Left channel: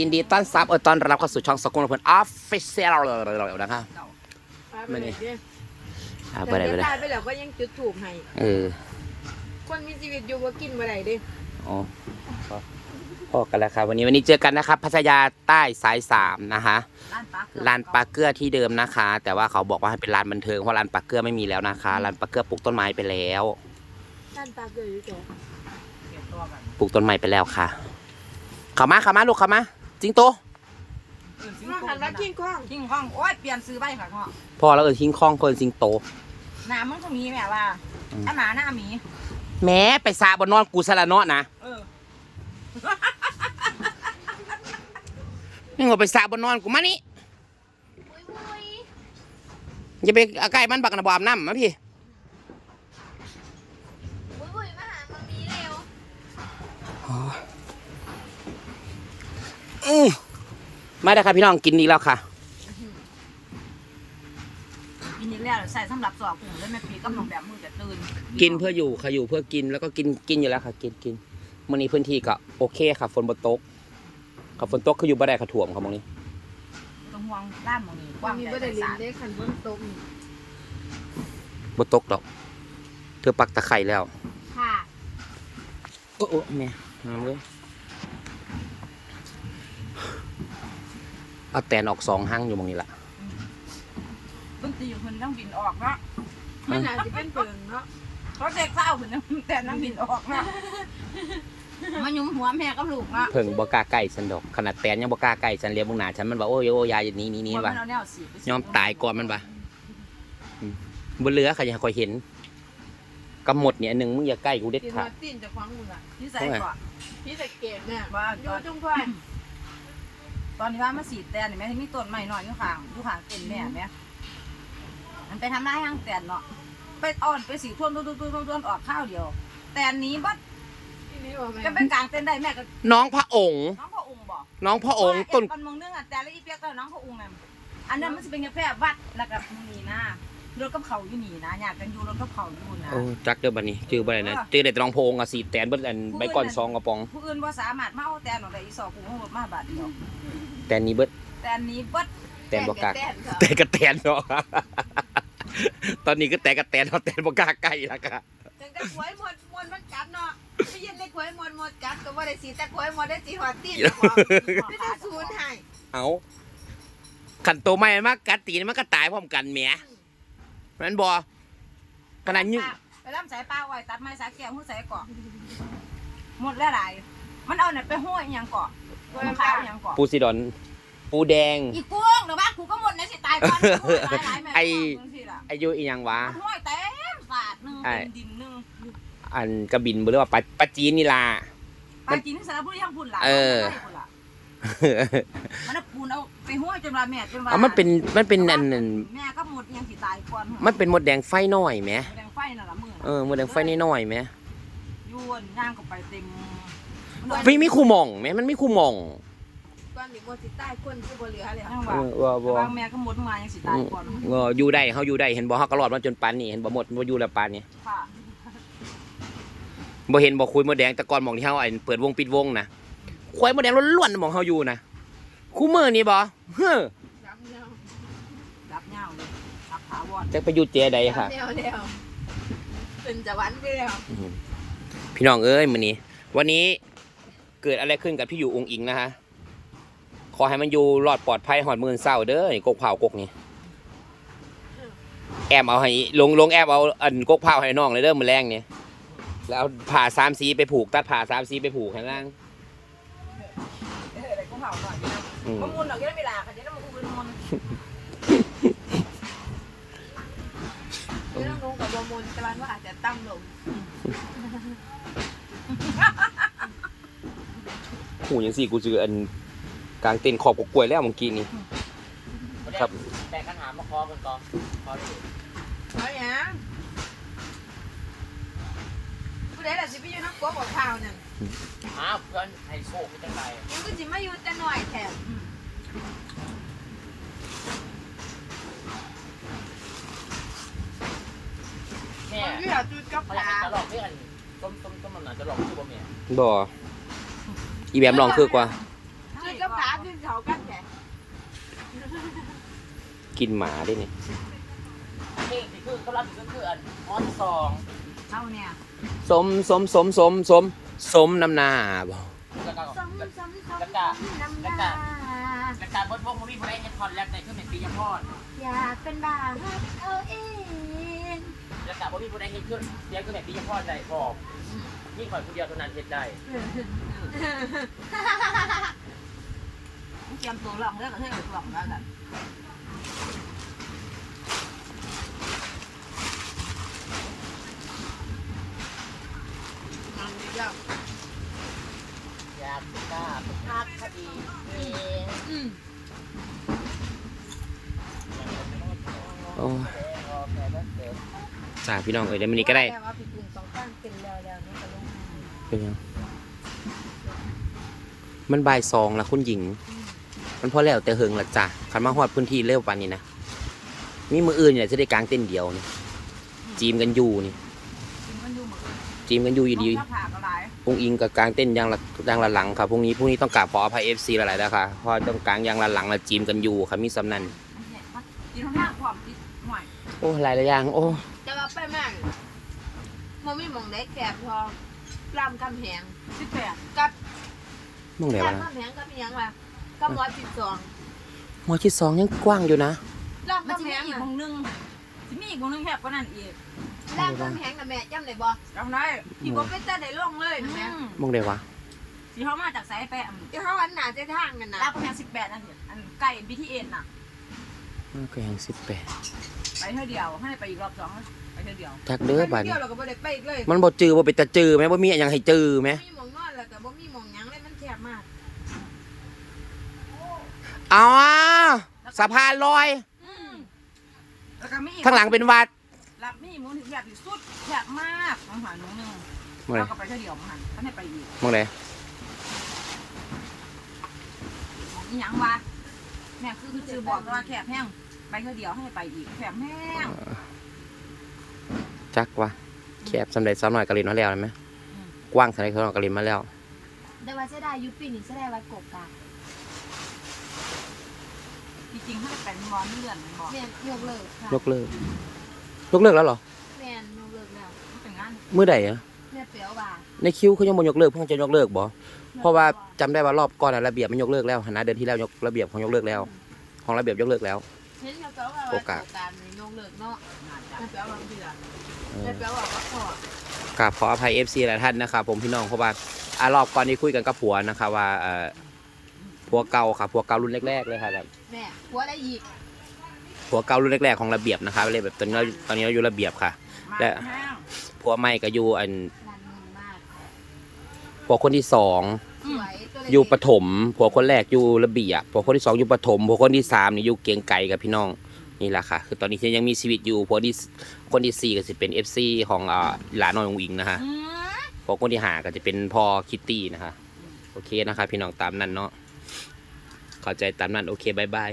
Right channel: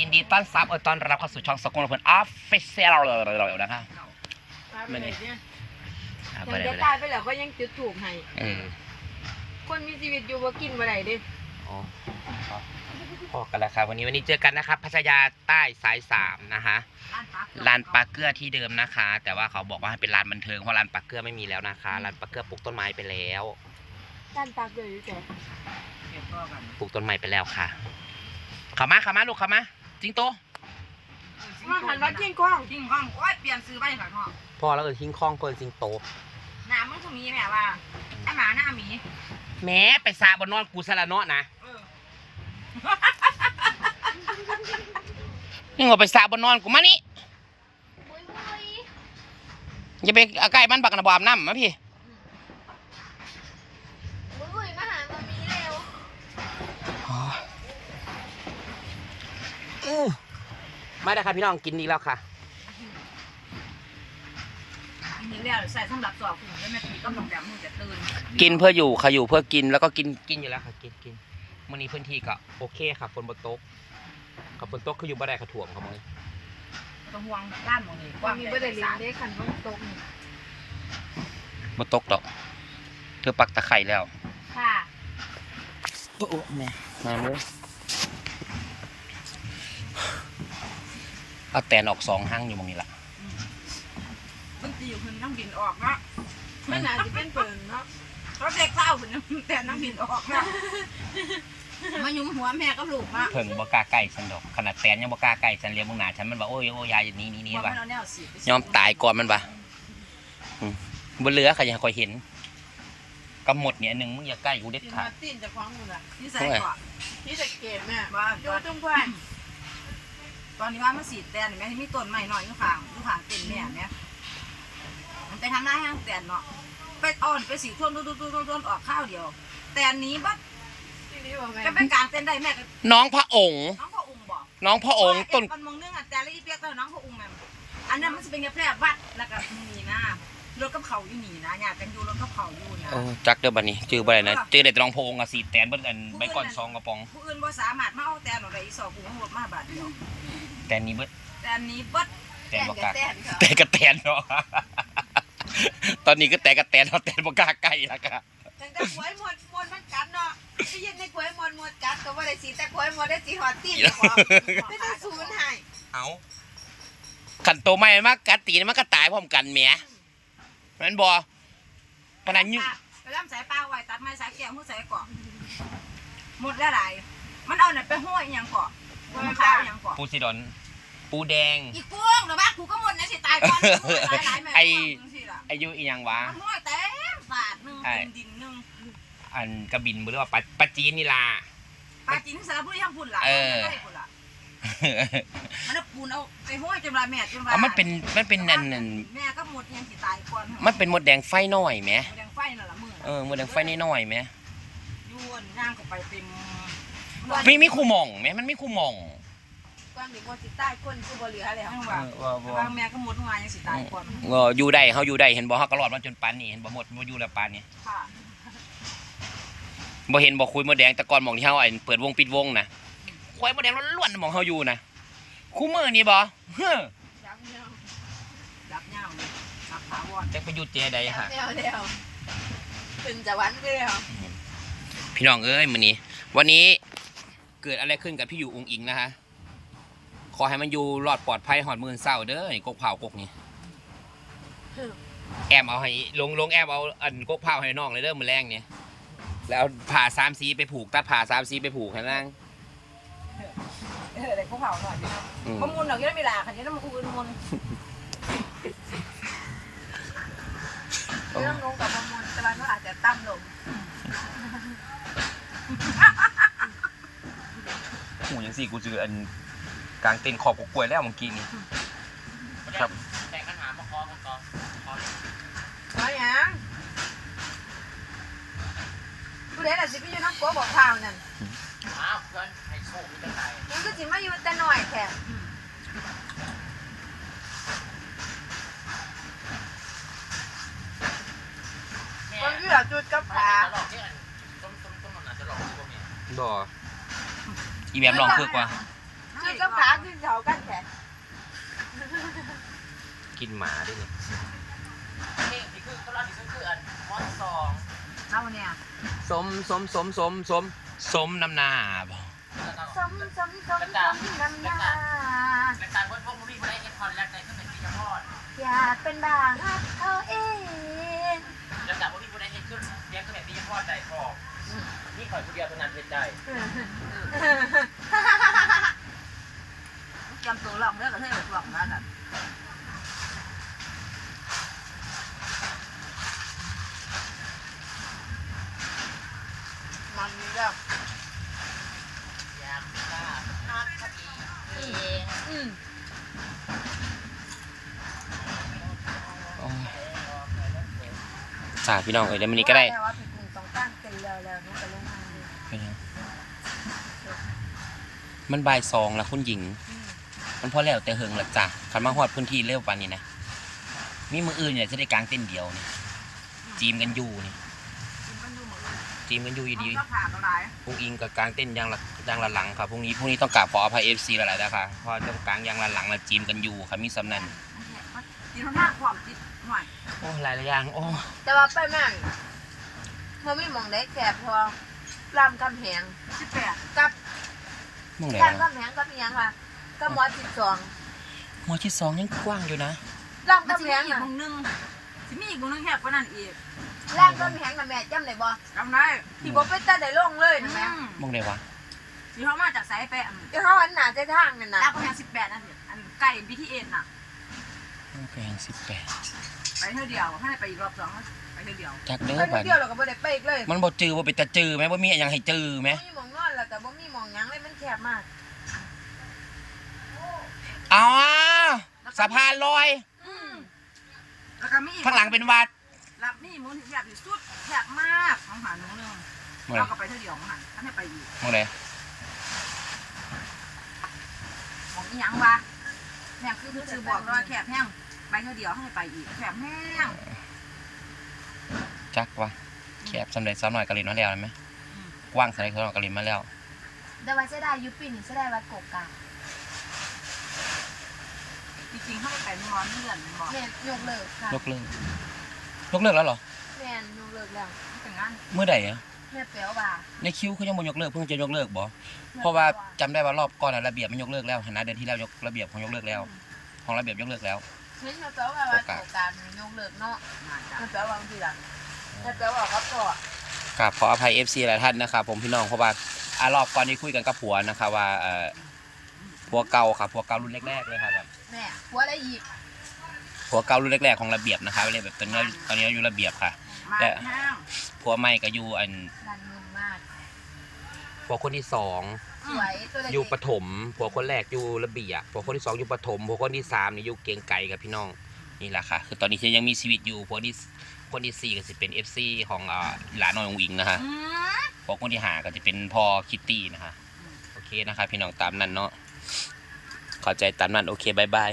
ยินดีต้อนรับเออต้อนรับเข้าสู่ช่องสกุลเพื่อนออฟฟิเชียลเลยนะครับไม่ได้อ่าแต่เบอร์อะไรจะเบอร์อะไรตายไปแล้วก็ยังจุดถูกให้เออคนมีชีวิตอยู่ว่ากินบ่ได้เด้อ๋อพอพอกันแล้วครับวันนี้วันนี้เจอกันนะครับ พัทยาใต้สายสามนะคะร้านปลาเกลือที่เดิมนะคะ แต่ว่าเขาบอกว่าให้เป็นร้านบันเทิงเพราะร้านปลาเกลือไม่มีแล้วนะคะร้านปลาเกลือปลูกต้นไม้ไปแล้วด้านปากเลยอยู่แต่ปลูกต้นไม้ไปแล้วค่ะเข้ามาเข้ามาลูกเข้ามา จริงโตว่าหันวัดเที่ยงกว้างทิ้งห้องโอ้ยเปลี่ยนซื้อไปค่ะพ่อพอแล้วเออทิ้งคล้องคนจริงโตหน้ามึงก็มีแม่ว่าอืมไอ้หมาหน้าหมีแม้ไปซาบนนอนกูสละเนาะนะเออนี่ว่าไปซาบนนอนกูมานี่อย่าไปเอาใกล้มันบักนะบอาบน้ำมาพี่ มมาได้ครับพี่น้องกินดีแล้วค่ะปีนี้แล้วใส่สำหรับสอบกลุ่มแล้วแม่ตีก็ลงแบบมือจะตื่นกินเพื่ออยู่ค่ะอยู่เพื่อกินแล้วก็กินกินอยู่แล้วค่ะ กินกินมื่อนี้พื้นที่ก็โอเคค่ะฝนบนตกกับฝนตกคืออยู่บ่ได้ค่ะถ่วมค่ะมื่อนี้ไม่ต้องห่วงบ้านมึงนี่ว่ามีบ่ได้ลินได้ขันบนตกนี่บนตกดอก เธอปักตะไคร่แล้ว ค่ะโอ้โอ้แม่หามเลย เอาแตนออกสองห้างอยู่ตรงนี้ละบางทีคุณต้องบินออกเนาะมันน่าจะเป็นเปิงเนาะเพราะเด็กเศร้าคุณแต่นั่งบินออกเนาะมายุมหัวแม่กับลูกเนาะเพิ่งบ่กล้าใกล้ฉันดอกขนาดแตนยังบ่กล้าใกล้ฉันเรียกมึงหนาฉันมันว่าโอ้ยโอ้ยยายอย่างนี้นี้นี้ว่าว่ะเราแนวสิยอมตายก่อนมันปะอืมบนเรือค่ะอย่าคอยเห็นกำหมดเนี่ยอันหนึ่งมึงอย่าใกล้กูเด็ดสิขามาดตีนจากฟังมึงอะนี่ใส่ก่อนที่ตะเกียบแม่ว่าอยู่จุ้งพ่าย ตอนนี้ว่ามันสีแตนแม่ที่มีต้นไม้หน่อยอยู่ข้างอยู่ข้างเต็นแม่แม่มันไปทำหน้าย่างแตนเนาะไปอ่อนไปสีท่วมท่วมท่วมท่วมท่วมออกข้าวเดียว แต่อันนี้บัดที่นี่ว่าแม่จะไปกลางเต้นได้แม่ก็น้องพระองค์น้องพ่อองค์บอกน้องพระองค์ต้นมันมองเรื่องอะแต่ละอีเปียกก็น้องพ่อองค์นั่นอันนั้นมันจะเป็นแค่แพร่วัดแล้วก็มีหน้า รถกับเขาอยู่นี่นะอยากกันอยู่รถกับเขาอยู่นะ โอ้จักเด้อบัดนี้จือบ่ได้นะจือได้แต่น้องพระองค์อะสีแตนเบิ่อันใบก่อนซองกระป๋อง ผู้อื่นว่าสามารถมาเอาแต่หนอได้อีสอบผู้ของรถมาบาทเดียวแตนนี้เบิดแต่อันนี้บัดแตนบ่กล้าแตนค่ะแต่กระแตนเนาะ ตอนนี้ก็แต่กระแตนเนาะแตนบ่กล้าใกล้แล้วก็จังแต่กล้วยหมดหมดมันกัดเนาะได้ยินได้กล้วยหมดหมดกัดก็ว่าได้สีแต่กล้วยหมดได้สีหอดตีนกว่าไม่ได้ศูนย์ให้เอาขันโตไม่มากกัดตีนมันก็ตายพร้อมกันแหม แม่นบ่ขนาดยิ่งไปล่ำสายปลาไว้ตัดไม้สายเกี่ยวหูสายเกาะหมดแล้วหลายมันเอาเนี่ยไปห้อยยังเกาะมันขาวยังเกาะปูซิดอน ปูแดง อีกพวงนะบ้านกูก็หมดนะสิตายก่อนหลายๆแม่ไอ้พวงสิล่ะอายุอีหยังวะ มันห้อยเต็มบาทหนึงไอ้ เป็นดินหนึงอันกระบินบ่หรือว่าปลาปลาจีนนี่ล่ะ ปลาจริงสารพูดยังพูดหลายเออไม่ได้พูดล่ะมันเอา ปูนเอาไปห้อยจนว่าแม่จนว่าเอามันเป็นมันเป็นอันนั้นแม่ก็หมดยังสิตายก่อนมันเป็นมดแดงไฟน้อยแหมแดงไฟน่ะละมือเออมดแดงไฟน้อยๆแหมยวนย่างก็ไปเต็มมีมีคู่หม่องแหมมันมีคู่หม่องก่อนเดี๋ยวบ่สิใต้คนที่บ่เหลือแล้วยังเอว่าอว่าบ่บางแม่ก็หมดมายังสิตายก่อนเอออยู่ได้เฮาอยู่ได้เห็นบ่เฮาก็รอดมาจนปานนี้เห็นบ่หมดบ่อยู่แล้วปานนี้ค่ะบ่เห็นบ่คุยมดแดงแต่ก่อนหมองที่เฮาไอ้เปิดวงปิดวงนะคุยมดแดงล้วนๆหมองเฮาอยู่นะ คู่มือนี่บ่เฮ้อรักเนาะรักย่างเลยรักถาวรจักไปอยู่เจใดค่ะแล้วแล้วเป็นจะวันไปแล้วพี่น้องเอ้ยมื้อนี้ วันนี้เกิดอะไรขึ้นกับพี่อยู่องค์อิงนะคะขอให้มันอยู่รอดปลอดภัยหอดมือเศร้าเด้อไอ้กกเผากกนี่แอมเอาให้ลงลงแอมเอาอันกกเผาให้น้องเลยเด้อมื้อแรงเนี่ยแล้วเอาผ่าสามสีไปผูก ตัดผ่าสามสีไปผูกให้นาง มมะมุนดอกยังไม่ลาคันนี้น้ำมันคือมุนเรื่องลงกับบ่มุนแต่ว่ามันอาจจะตั้มลงหูยังสี่กูเจออันกลางเต็นท์ขอบกกล้วยแล้วเมื่อกี้นี่ครับ แต่ปัญหามาคอคนต่อคอว่าหยังผู้ใดล่ะสิไปอยู่น้ำกัวบอกข่าวนั่นอ้าววันไฮโซมีตั้งไงยังก็สิมาอยู่แต่หน่อยแถมมั นเหลือจุดกับปลาขาหลอกที่อันต้มต้มต้มมันจะหลอกที่บ่เมียบ่อีแบบลองคือกว่าใช่ก็ขาขึ้นเขากันแค่กินหมาด้วยนี่เองที่คือก็รับที่คืออันฮอนสองเอาเนี่ยสมสมสมสมสมสมน้ำหน้าบ่แล้วก็สมสมสมสมน้ำหน้าและการเวิร์ดวงรีบมาได้เอ็นคอนแลกในขึ้นเป็นปียพอดอยากเป็นบ้าฮักเอาเอง และการวงรีบมาได้เอ็นขึ้น เรียกขึ้นเป็นปียพอดได้พอยิ่งข่อยคนเดียวเท่านั้นเป็นได้เตรียมตัวลองเลือกกระเทยลองแล้วกันมันก็อยากทราบฮักคดีเองโอ้ยค่ะพี่น้องเอ้ยเดี๋ยวมันนี้ก็ได้ แต่ว่าเป็น แล้วแล้วนุ๊กก็ลงมาเป็นยัง มันบ่ายสองแล้วคุณหญิง มันพอแล้วแต่เฮิงละจ้ะคันมาฮอดพื้นที่เร็วปานนี้นะมีมืออื่นเนี่ยจะได้กลางเต้นเดียวนี่จีมกันอยู่นี่กินกันดูเหมือนกันจีมกันอยู่อยู่ดีก็ผ่าก็หลายพรุ่งอิงกับกลางเต้นยางละยางละหลังครับพรุ่งนี้พรุ่งนี้ต้องกราบขออภัยเอฟซีหลายๆนะคะเพราะว่าต้องกลางยางละหลังละจีมกันอยู่ครับมีสำนันตีข้างหน้าความติดหน่อยโอ้หลายๆอย่างโอ้ แต่ว่าไปมั่นมัน ไม่มองได้แคบพอรามคำแหงสิบแปดกับมองไหนรามวะคำแหงกับอีหยังวะกับหมอจิตสองหมอชิดสองยังกว้างอยู่นะรามมันจะคำแหมีงอีกน่ะวงนึงจะมีอีกวงนึงแคบกว่านั้นอีกรามคำแหงน่ะแม่จำได้บ่จำได้ที่บ่เป็นตาได้ลงเลยนะแม่มองไหนวะที่เขามาจากสายไปอันที่เขาอันหนาใจทางนั่นน่ะดาวประมาณสิบแปดอันอันใกล้ BTS น่ะโอเคสิบแปด ไปเท่าเดียว ให้ไปอีกรอบสองไปเท่าเดียวจักเด้อไปบัดเที่นี้ยวเราก็บ่ได้ไปอีกเลยมันบ่จือบ่เป็นตาจือไหมบ่มีอะไรให้จือไหมบ่มีหมองนอนแล้วก็บ่มีหมองหยังเลยมันแคบมากอ๋อสะพานลอยแล้วก็มีอีกข้างหลังเป็นวัดรับมีมูลที่แคบที่สุดแคบมากของหาหนูนึงมองไหนเราก็ไปเท่าเดียวมาหันท่านให้ไปอีกมองไหนของอีหยังวะแม่คือคือจือบอกว่าแคบแห้ง ไปเท่าเดียวให้ไปอีกแคบแห้งจักวะแคบสำเร็จสำหน่อยกะลินมาแล้วเห็นไหมกว้างสำเร็จสำหน่อยกะลินมาแล้วแต่ว่าเสียดายยุปีนี่เสียดายวัดกกกาจริงๆถ้าไปนอนเลื่อนบอกแม่นยกเลิกค่ะยกเลิกยกเลิกแล้วเหรอแม่นยกเลิกแล้วแต่งงานเมื่อใดอะแม่เปียวว่าในคิวเขายังบ่ยกเลิกเพิ่งจะยกเลิกบ่เพราะว่าจำได้ว่ารอบก่อนอะระเบียบมันยกเลิกแล้วนะเดือนที่แล้วยกระเบียบของยกเลิกแล้ว ของระเบียบยกเลิกแล้ว เห็นแม่เปียวว่าวัดกกกานี่ยกเลิกเนาะน่าจะแม่เปียวว่ามันดีล่ะแม่เปียวว่ากับพ่อครับขออภัย FC หลายท่านนะครับผมพี่น้องเพราะว่าอารอบก่อนนี้คุยกันกับผัวนะครับว่าเอ่อผัวเก่าครับผัวเก่ารุ่นแรกๆเลยครับแบบแม่ผัวอะไรอีกผัวเก่ารุ่นแรกๆของระเบียบนะครับเลยแบบตอนนี้เราตอนนี้เราอยู่ระเบียบค่ะมาและแห้งผัวใหม่ก็อยู่อันรันเงินมากผัวคนที่สองสวยตัวเล็ก อยู่ปฐมผัวคนแรกอยู่ระเบียบผัวคนที่สองอยู่ปฐมผัวคนที่สามนี่อยู่เกรียงไก่กับพี่น้องนี่แหละค่ะ คือตอนนี้ฉันยังมีชีวิตอยู่ผัวที่คนที่สี่ก็จะเป็น FC ของอ่าหลานน้อยองอิงนะคะอืมผัวคนที่ห้าก็จะเป็นพ่อคิตตี้นะคะ โอเคนะครับพี่น้องตามนั้นเนาะเข้าใจตามนั้นโอเคบายบาย